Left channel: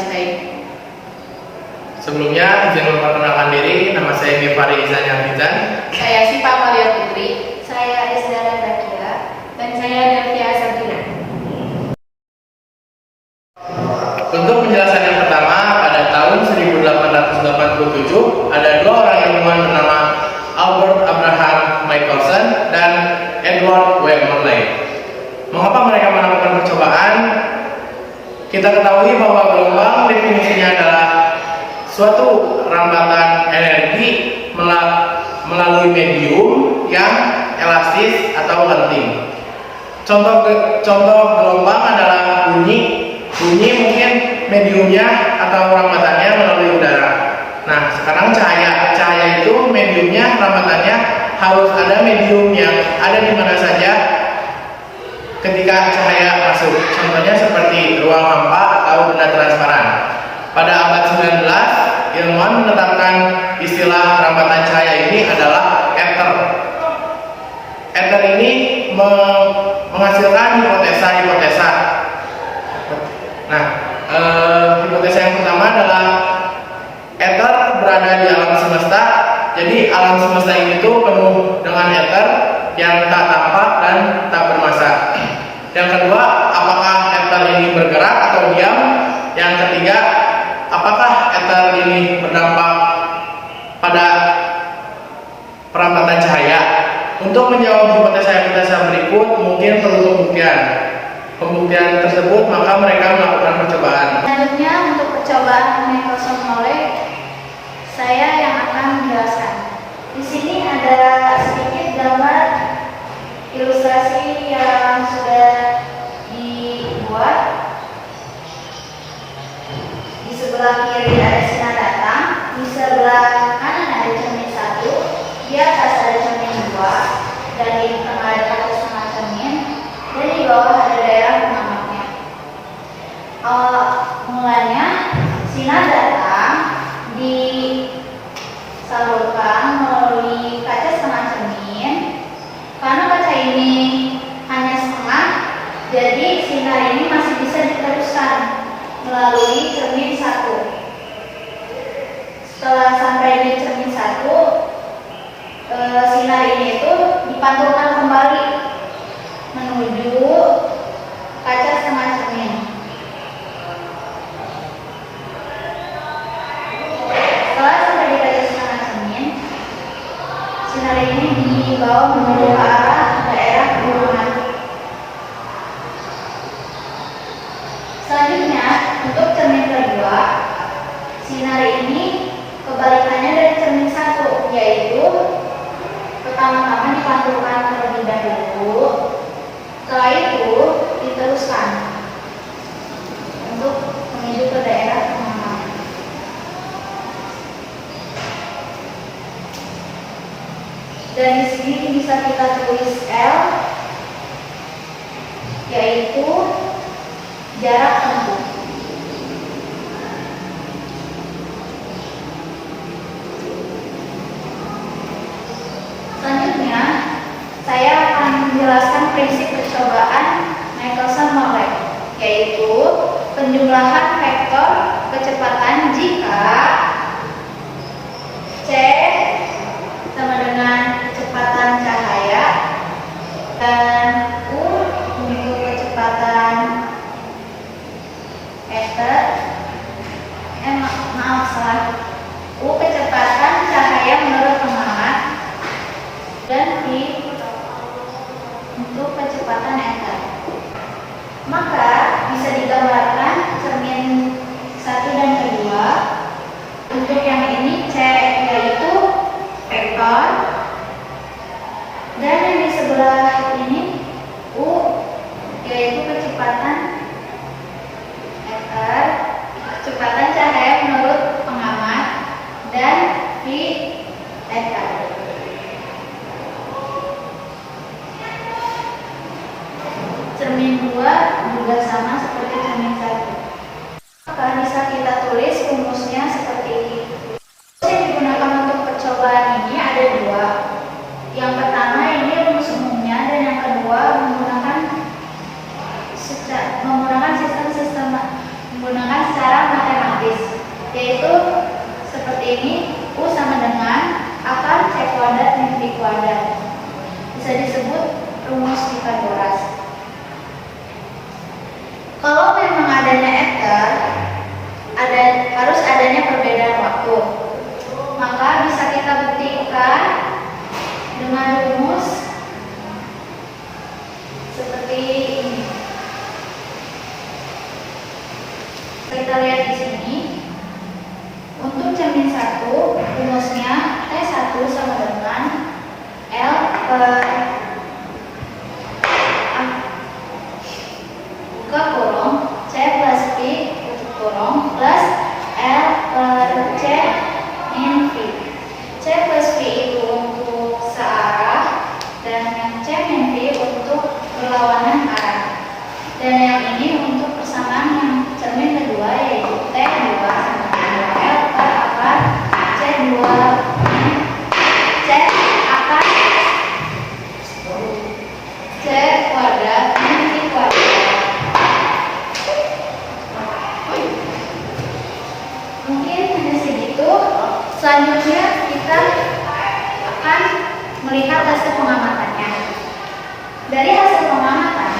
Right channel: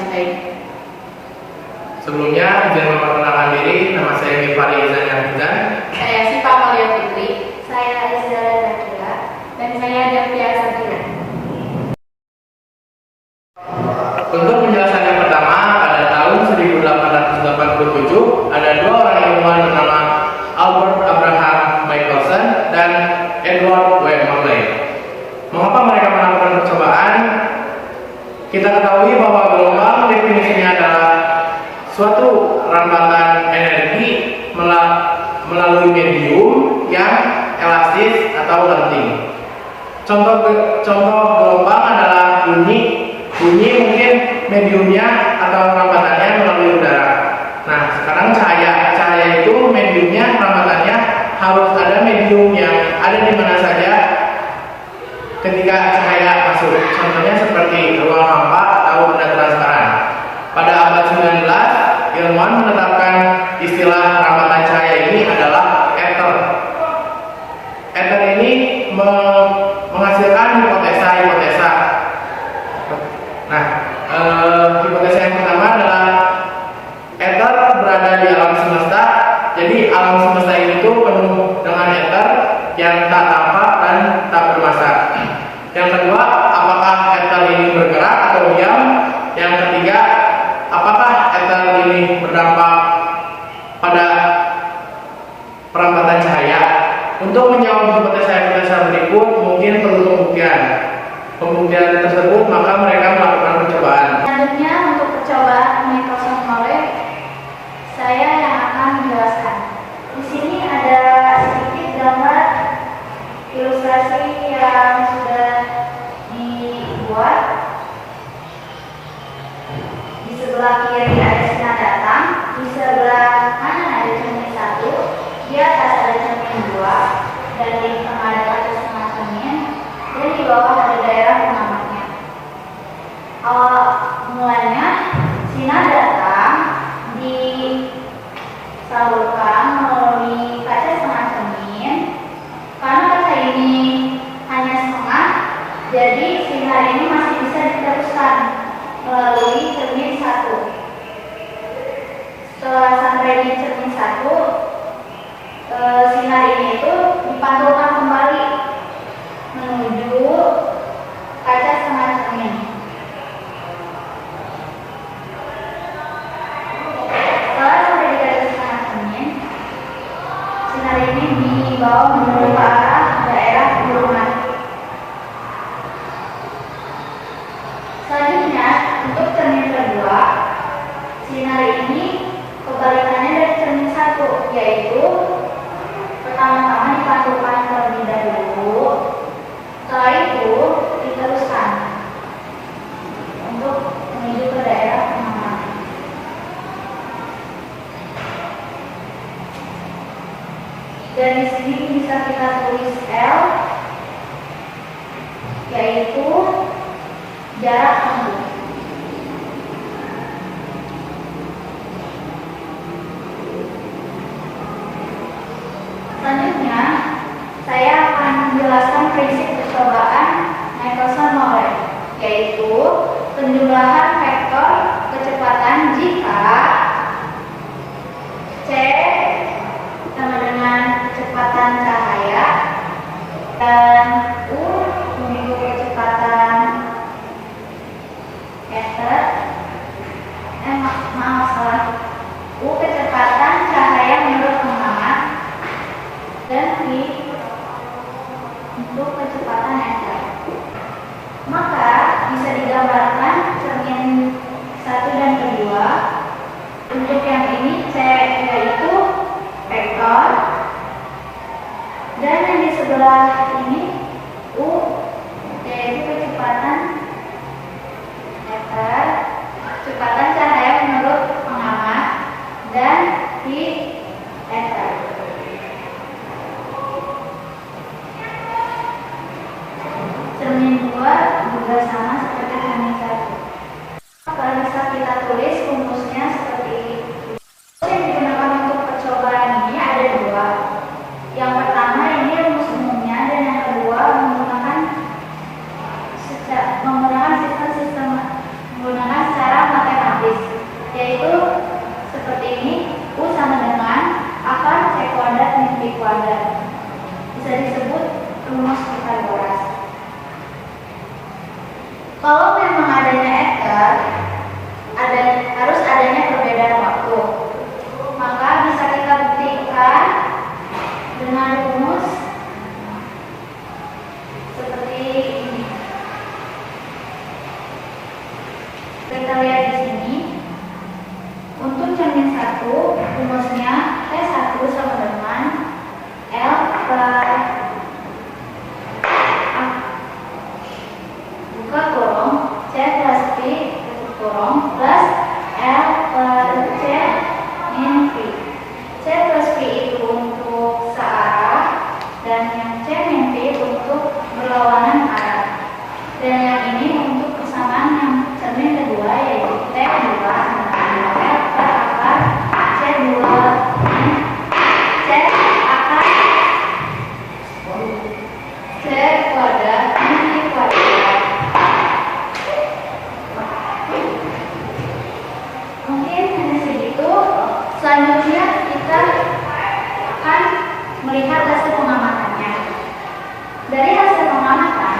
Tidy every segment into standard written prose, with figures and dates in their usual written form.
listrik. Sebelumnya, izin memperkenalkan diri, nama saya Mifari Izan Hafizan. Saya Sipa Malia Putri. Saya Izdara Zakia. Dan saya Devia Sabira. Untuk penjelasan yang pertama, pada tahun 1887 ada dua orang ilmuwan bernama Albert Abraham Michelson dan Edward W. Morley. Mengapa mereka melakukan percobaan? Kita ketahui bahwa gelombang definisinya adalah suatu rambatan energi melalui medium yang elastis atau lenting. Contoh gelombang adalah bunyi mungkin mediumnya atau rambatannya melalui udara. Nah, sekarang cahaya itu mediumnya, rambatannya harus ada medium yang ada di mana saja ketika cahaya masuk. Contohnya seperti ruang hampa atau benda transparan. Pada abad 19, ilmuwan menetapkan istilah rambatan cahaya ini adalah ether. Ether ini menghasilkan hipotesa. Nah, hipotesa yang pertama adalah ether berada di alam semesta. Jadi alam semesta ini tuh penuh dengan ether yang tak tampak dan tak bermassa. Yang kedua, apakah ether ini bergerak atau diam? Yang ketiga, apakah ether ini berdampak pada perambatan cahaya? Untuk menjawab hipotesa berikut mungkin perlu pembuktian tersebut, maka mereka melakukan percobaan. Selanjutnya untuk percobaan Michelson Morley, saya yang akan menjelaskan. Di sini ada sedikit gambar ilustrasi yang sudah dibuat. Di sebelah kiri ada sinar datang, di sebelah kanan ada cermin 1, di atas ada cermin 2, dan di tengah ada kaca setengah cermin, dan di bawah ada daerah pengamatnya. Awal mulanya sinar datang disalurkan melalui kaca setengah cermin. Karena kaca ini hanya setengah, jadi sinar ini masih bisa diteruskan melalui cermin 1. Setelah sampai di cermin 1, sinar ini itu dipantulkan kembali menuju kaca setengah cermin. Setelah sampai di kaca setengah cermin, sinar ini dibawa menuju ke arah daerah kurungan. Selanjutnya, untuk cermin kedua, sinar ini kebalikannya dari cermin 1, yaitu pertama-tama dipantulkan terlebih dahulu, setelah itu diteruskan untuk menuju ke daerah pengaman. Dan di sini bisa kita tulis L, yaitu jarak tempuh. Selanjutnya, saya akan menjelaskan prinsip percobaan Michelson Morley, yaitu penjumlahan vektor kecepatan jika C sama dengan kecepatan cahaya dan U untuk kecepatan ether. U kecepatan cahaya menurut pengamat dan V untuk kecepatan ether. Maka bisa digambarkan cermin 1 dan 2. Untuk yang ini C yaitu vektor, dan yang di sebelah ini U yaitu kecepatan ether, kecepatan cahaya menurut pengamat, dan V ether. Cermin 2 juga sama seperti cermin 1. Maka bisa kita tulis rumusnya seperti ini. Yang digunakan untuk percobaan ini ada 2. Yang pertama ini rumus umumnya, dan yang kedua menggunakan sistem menggunakan secara matematika. Untuk cermin 1, rumusnya T1 sama dengan L per buka kurung C plus V tutup kurung plus L per C min V. C plus V itu untuk searah dan yang C min V untuk berlawanan arah. Dan yang ini untuk persamaan yang cermin kedua yaitu T2 sama dengan L per akar C2 C akar C kuadrat min V kuadrat. Mungkin hanya segitu. Selanjutnya kita akan melihat hasil pengamatannya. Dari hasil pengamatan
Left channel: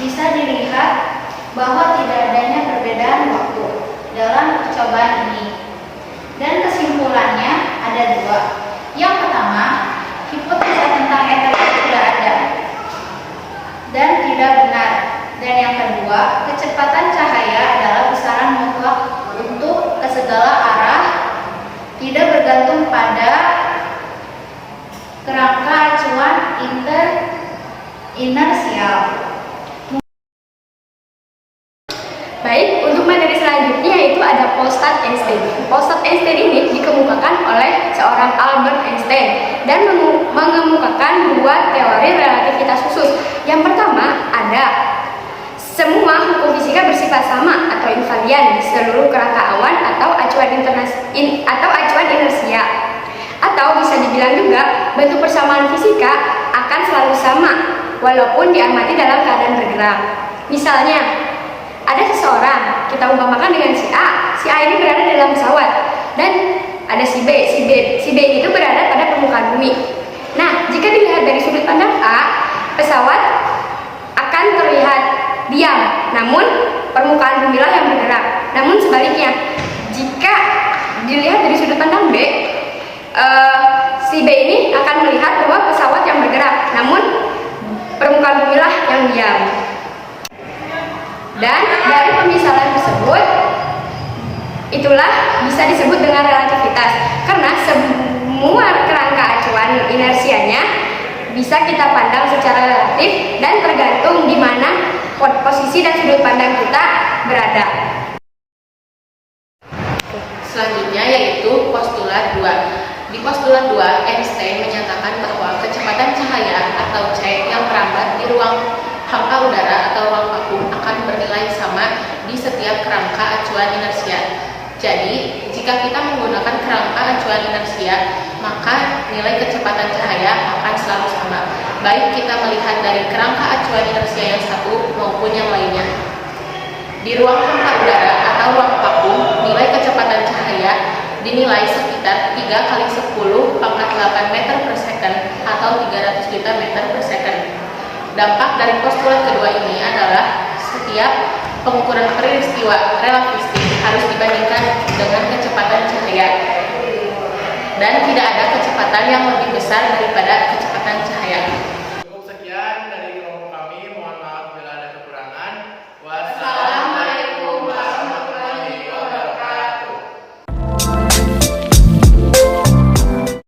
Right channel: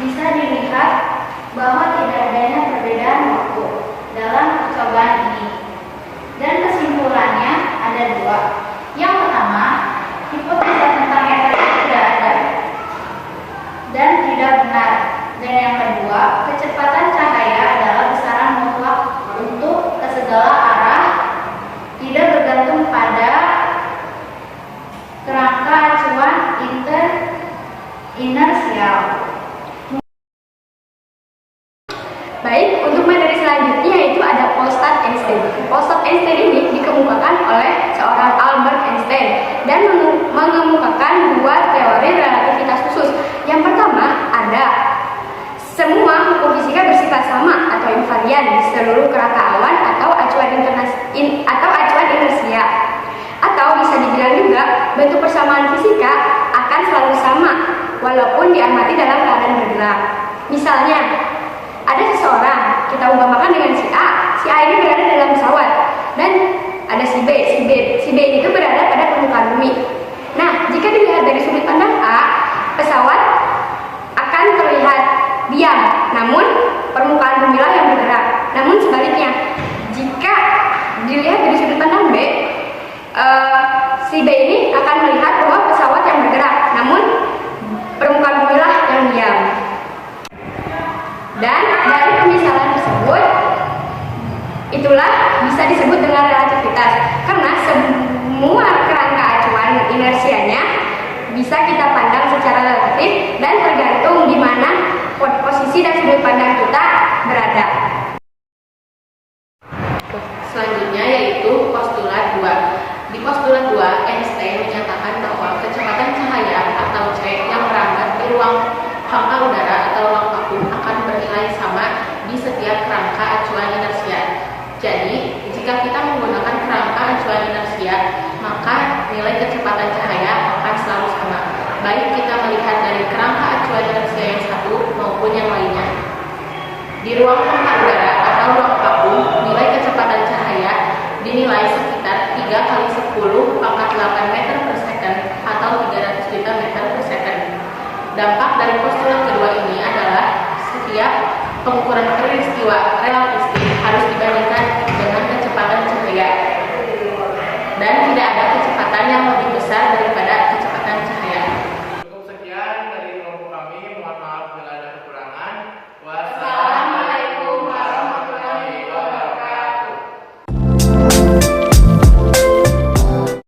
bisa dilihat bahwa tidak adanya perbedaan waktu dalam percobaan ini. Dan kesimpulannya ada dua. Yang pertama, hipotesa tentang ether itu tidak ada dan tidak benar. Dan yang kedua, kecepatan cahaya adalah besaran mutlak untuk ke segala arah, tidak bergantung pada kerangka acuan inersial. Baik, untuk materi selanjutnya yaitu ada Postat Einstein. Postat Einstein ini dikemukakan oleh seorang Albert Einstein dan mengemukakan dua teori relativitas khusus. Yang pertama ada semua hukum fisika bersifat sama atau invarian di seluruh kerangka awan atau acuan inersia. Atau bisa dibilang juga bentuk persamaan fisika akan selalu sama walaupun diamati dalam keadaan bergerak. Misalnya, ada seseorang, kita umpamakan dengan si A. Si A ini berada dalam pesawat dan ada si B. Si B itu berada pada permukaan bumi. Nah, jika dilihat dari sudut pandang A, pesawat akan terlihat diam, namun permukaan bumi lah yang bergerak. Namun sebaliknya, jika dilihat dari sudut pandang B, si B ini akan melihat bahwa pesawat yang bergerak, namun permukaan bumi lah yang diam. Dan dari pemisalan tersebut, itulah bisa disebut dengan relativitas, karena semua kerangka acuan inersianya bisa kita pandang secara relatif dan tergantung di mana posisi dan sudut pandang kita berada. Selanjutnya yaitu postulat 2. Di postulat 2, Einstein menyatakan bahwa kecepatan cahaya atau C yang merambat di ruang hampa udara atau ruang vakum akan bernilai sama di setiap kerangka acuan inersia. Jadi, jika kita menggunakan kerangka acuan inersia, maka nilai kecepatan cahaya akan selalu sama, baik kita melihat dari kerangka acuan inersia yang satu maupun yang lainnya. Di ruang hampa udara atau ruang vakum, nilai kecepatan cahaya dinilai sekitar 3 kali 10 pangkat 8 meter per second atau 300 juta meter per second. Dampak dari postulat kedua ini adalah setiap pengukuran peristiwa relativistik harus dibandingkan dengan kecepatan cahaya, dan tidak ada kecepatan yang lebih besar daripada kecepatan cahaya.